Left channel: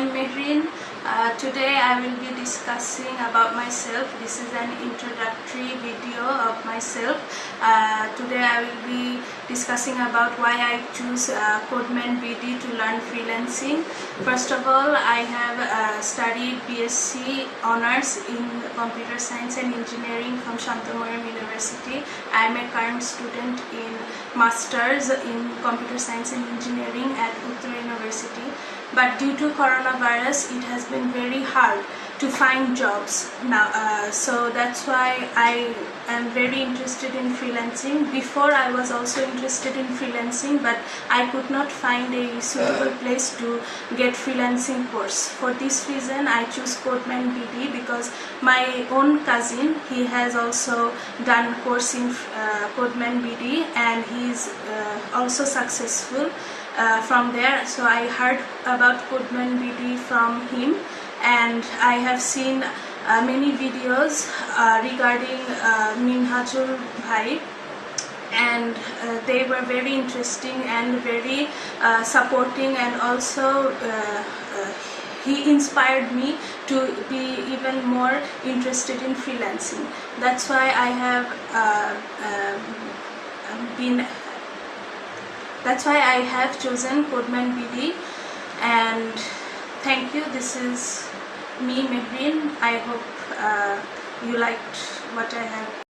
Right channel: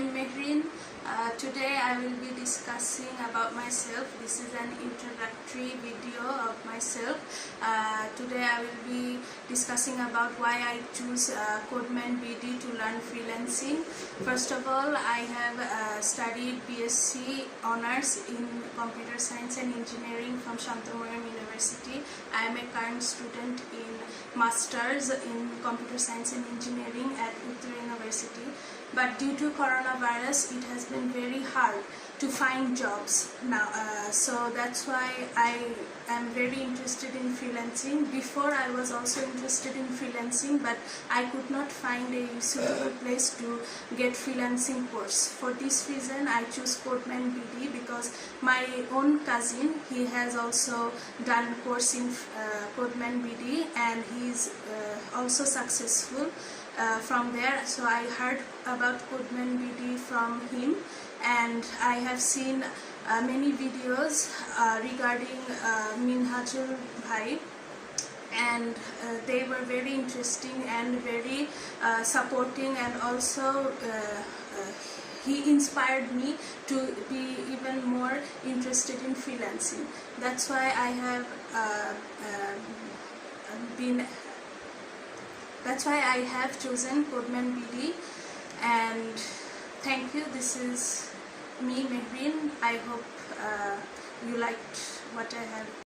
am Meherin. Today I will be discussing about myself. This is an introductory video of myself. Today I will be discussing about why I choose CodemanBD to learn freelancing. First of all, I have studied BSc Honours in Computer Science and Engineering from Meherin University. I am a current student in Masters in Computer Science and Engineering at Upwork University. But due to coronavirus, it has been very hard to find jobs now. So that's why I am very interested in freelancing. Before I was also interested in freelancing, but I could not find a suitable place to get freelancing course. For this reason, I choose CodemanBD because my own cousin, he has also done course in CodemanBD and he is also successful from there. So I heard about CodemanBD from him, and I have seen many videos regarding Minhazul and they were very interesting and very supporting, and also he inspired me to be even more interested in freelancing. That's why I have chosen CodemanBD, and thank you. This is me, Meherin. I hope you liked what I have